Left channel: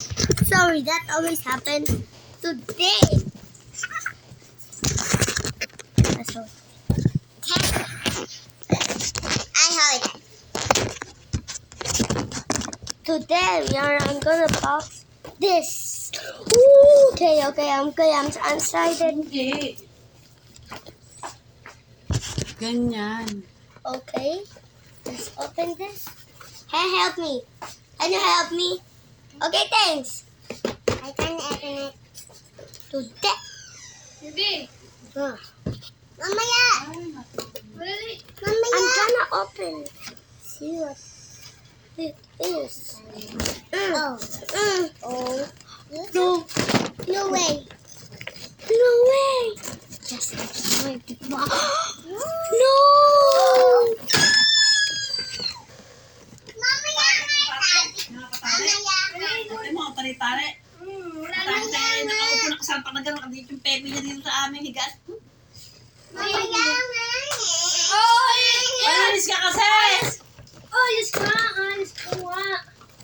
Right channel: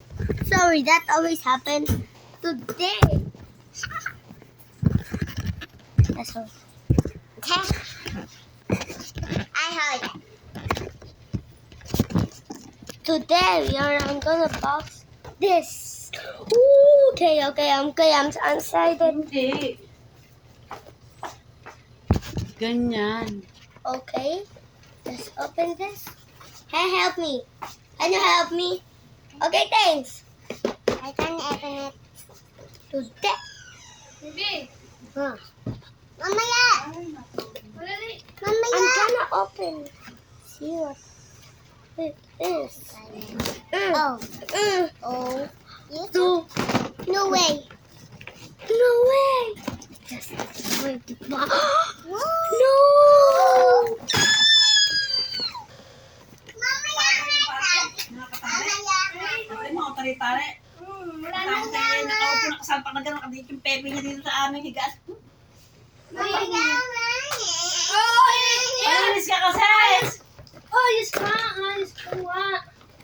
Sorry, that always happens today. That's all. I heard it. Today, I'm gonna box this. Ooh, okay, I'm excited. Hindi. Ganyan. Okay, let's open this. Hey, help me. Can you help me? Okay, thanks. I can open it. Today. Sige. Huh. Mamaya. Really? Mamaya. I'm gonna open. See what it is. Oh. Oh. No way. No way. Just wait. No. Ate mo, tari-tari. Wala Tapos na. nakaupo nakasalpak na gano'n. Kadito yung pepe niya dito sa aming higaan. Oy! Panalis ka kasi! Oy, yes ka. Ayos ko nga.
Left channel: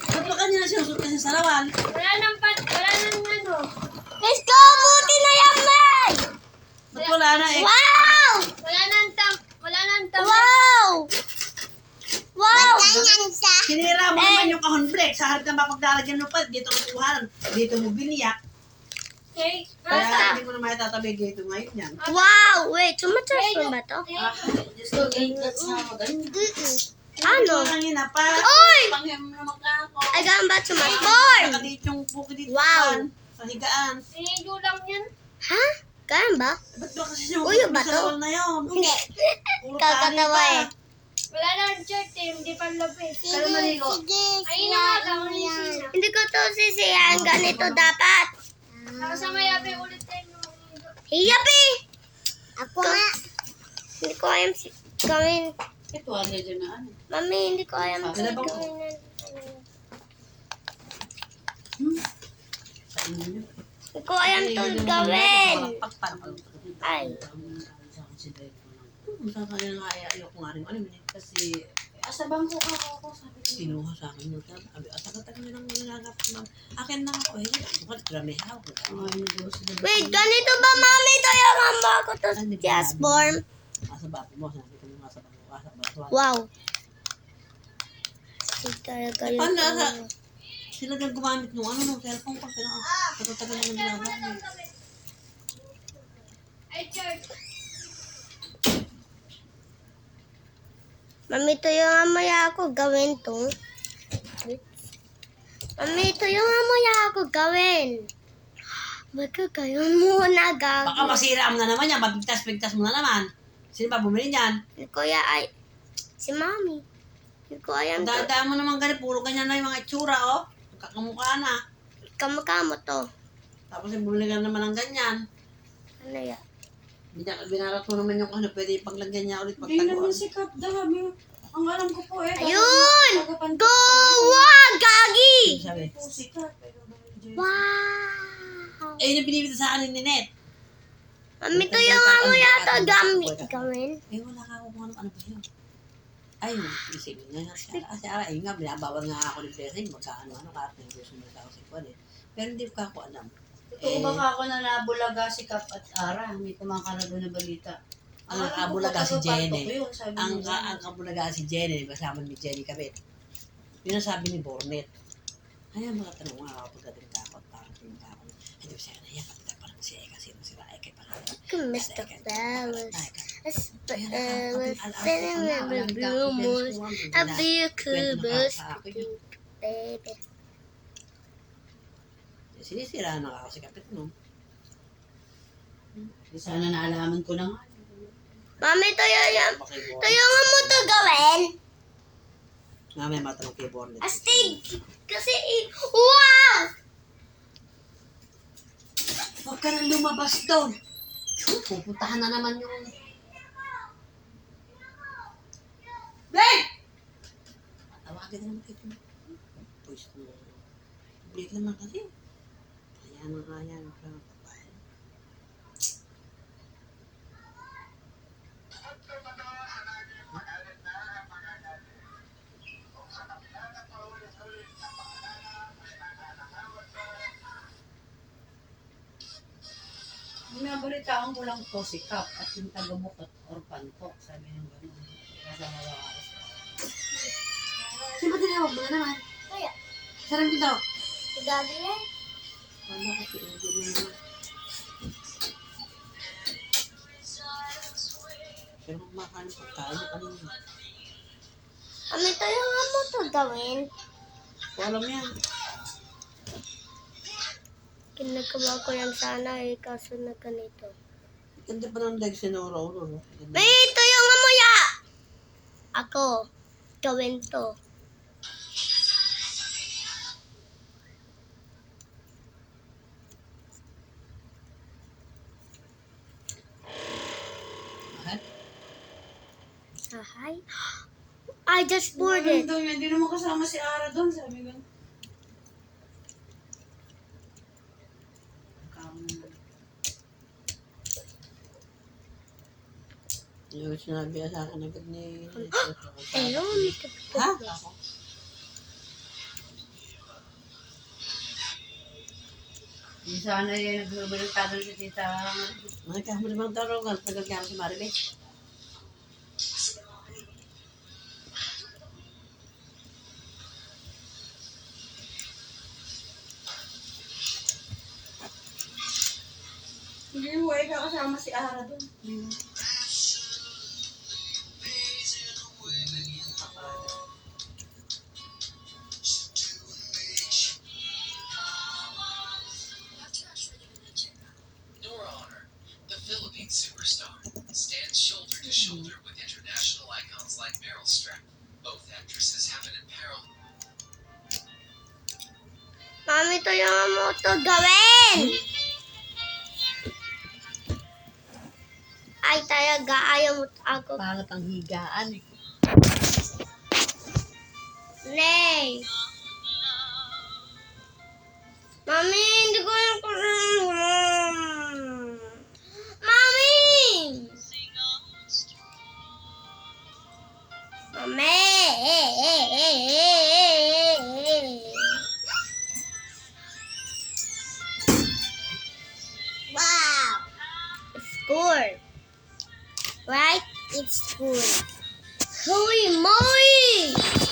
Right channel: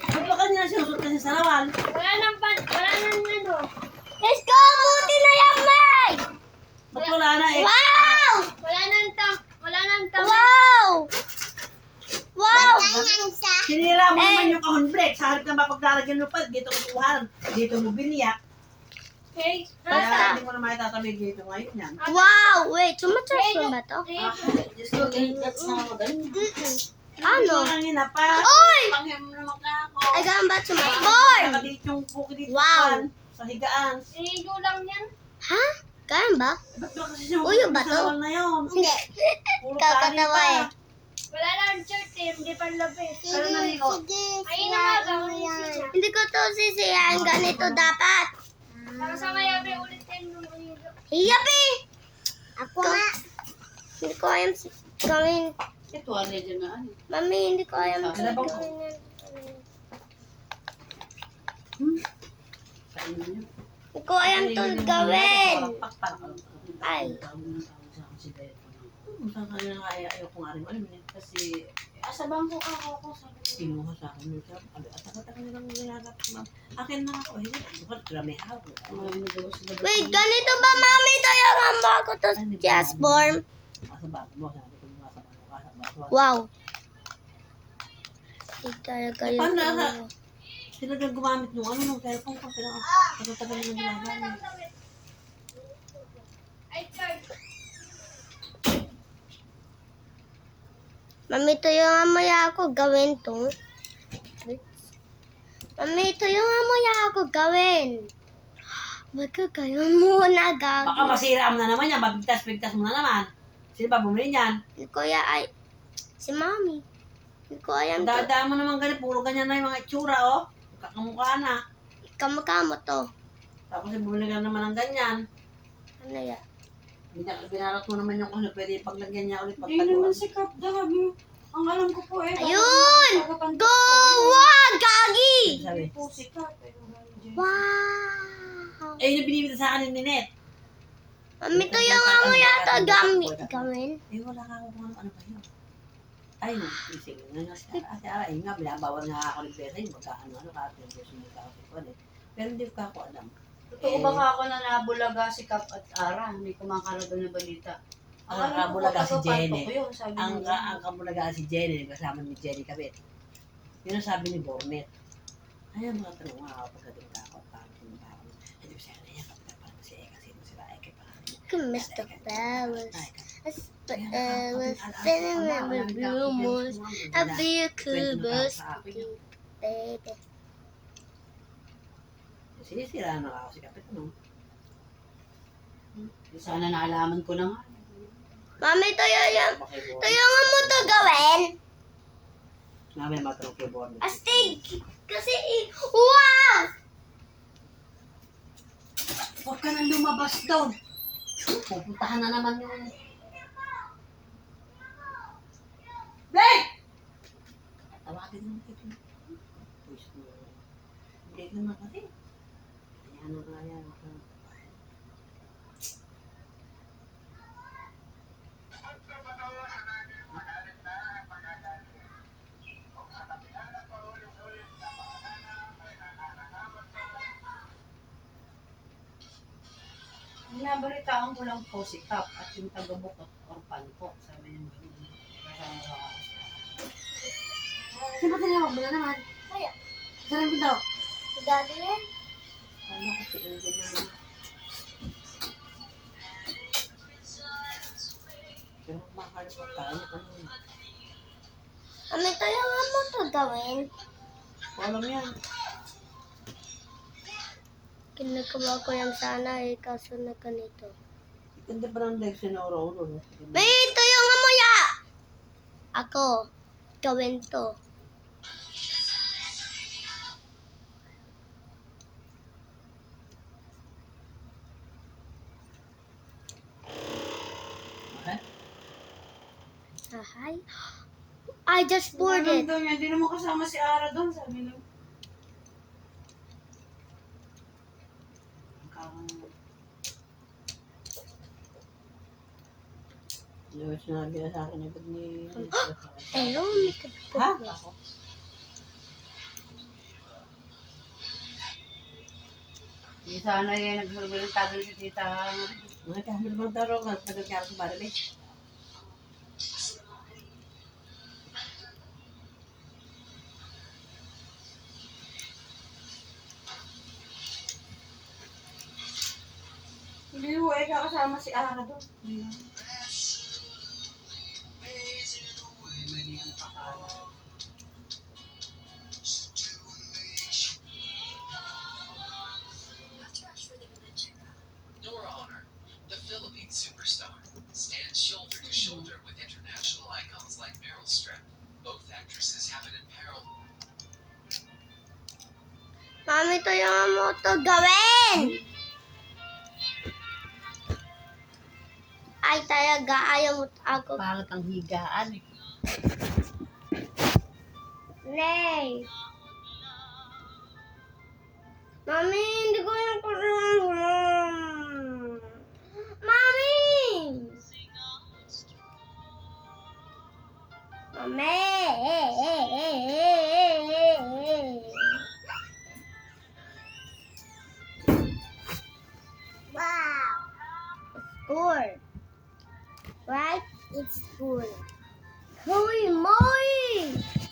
Ba't pa kanina sinusot kasi sa lawal? Wala nang ano. Let's go. Buti na yan, May. Ba't wala na eh? Wow. Wala nang Wow. Wow. Sinira mo naman yung kahon break. Sa harap ng mapaglalagyan mo pa. Dito ko kuhanan. Dito mo biniyak. Okay. Kaya hindi mo na maitatabi dito ngayon yan. Wow. Wait, tumatas ba to? Just look, that's not ganyan. Ano? Kanina pa. Oy! Pangyam naman ka ako. I got back to my phone. Dito yung buki dito. Wow. Sa higaan. Sinigo lang yan. Ha? Kaya ba? Ba't ba kasi sinusot Uy, yung mo bato? sa lawal na yun? Hindi. Puro Kakatawa kanin eh. pa. Wala nang shirt eh. Hindi pa labis. Pero maligo. Ayun na lang. Hindi ko to sisiyan. Ganito dapat. Sa ngayabi ulit tayo mo manigo. Hiyapi! Ako nga. Hindi ko alam gawin. Ito, ano dyan na ano? Mami, hindi ko alam Sila ba gawin po? yan. Saan yun? Hindi ko alam to gawin. Ay. Saan ka nila kaya ayoko nga rin. Ano yun? Kasi Asa bangko ako sabi ko. kinuha sa akin nung sabi, taga-taga nilang nilalap naman. Akin na ako eh. Bukan, grame hawak. Wait, ganito ba, Mami? Ito yung hamba ko to just form. Asa ba mo? Sabi ko mga sa bangko. Wow. Talaga yun. Paano nasa? Sila din gumamit nung ano nung cellphone ko. Taga-taga nilang nilalap. Ay, shirt. Mami, ito yung amaya ako gawin to. Mami, ito yung amaya ako gawin. Magkagayon muna Baka gagawin. masira mo na naman yan. Mabigtas-bigtas mo na naman. Sino ba bumili niyan? Kuya ay, si Mami. Hindi ko alam to. Dada mo naman ganyan. Puro ganyan na yung mga itsura oh. Kakamukha na. Kamukha to. Tapos bumili ka naman ng ganyan. Ano yan? Binarat mo naman yung ano, pwede paglagyan niya ulit Hindi naman pagtaguan. sikap dami. Ang alam ko po eh. Ayun! Go! Wow! Gagi! Sabi, Po sikap. Pero Wow! eh yung binibita sa akin ni Net. Mami, ito yung amaya to gawin. Eh wala ka ako kung ano pa yun. Ay, isip nga nga siya. Kasi ara, eh nga, binabawal nga ako ng blessing. Magkaano-ano ka at nag-gusto mo ako sa ikon eh. Pero hindi ko ako alam. totoo ba ka ako na nabulaga si Kap at Ara? May kumakaraga na balita. Ang Akala ko kabulaga si taga-pantok Jenny. yun, sabi Ang niya. kabulaga si Jenny, kasama ni Jenny Kabit. Yun ang sabi ni Bornet. Ayun, mga tanong nga ako pagdating takot. Parang tulong ako. Hindi ko siya naiyak. Kapag parang si Eka, sino sila Eka pangalan. Mr. Flowers. Remember rumors. I'll be a cool baby. Sinisira na ako si Kapit, no? Sana naalaman ko na nga. Mami, ito yung Pakibor. mo to gawin. Mamaya matanong kay Bornet. Astig! Kasi, wow! Huwag ka nang lumabas doon. Pupuntahan na naman yung... Bek! Tawagin na naman kayo. Push mo. Break naman kasi. Ayan na, ayan. Nabalitaan ko lang po si Kap at yung taga-bukot orpan po. Sabi niya gano'n. Kasama ako. Sino ba tinawag mo na naman? Kaya, Sarang pinto. si Daddy yan. Ano kasi Angel naman? Sino kumakain ng pagkain na kanina? Ito yung mo to gawin. Alam yan. Kinagawa ko yan sana kaso na ganito. Ganda pa ng legs ni Oro-Oro. No? May ito yung amuya! Ako, gawin to. Ha? Hi. I just poured it. Doon, hindi naman kasama si Ara doon. Sabi niya. Yung sinabi na sa akin agad ni... Ayun, Ha? Ako? Hindi sana yan naghulog-hulog si tita. Nakakahuli bang tarongan? Tagal kaya si Maribel. Hindi mo ay kakasama si Ara doon. Nora Honor, the Philippine superstar, stands shoulder to shoulder with international icons like Meryl Streep. Both actresses have an apparel. Mami, ito yung mo to gawin. Ay, talaga, ayaw mo ako. Pangat ang higaan. Nay. Mami, hindi ko yung Mami! Mami! Wow! Score. Right? It's score. Holy moly!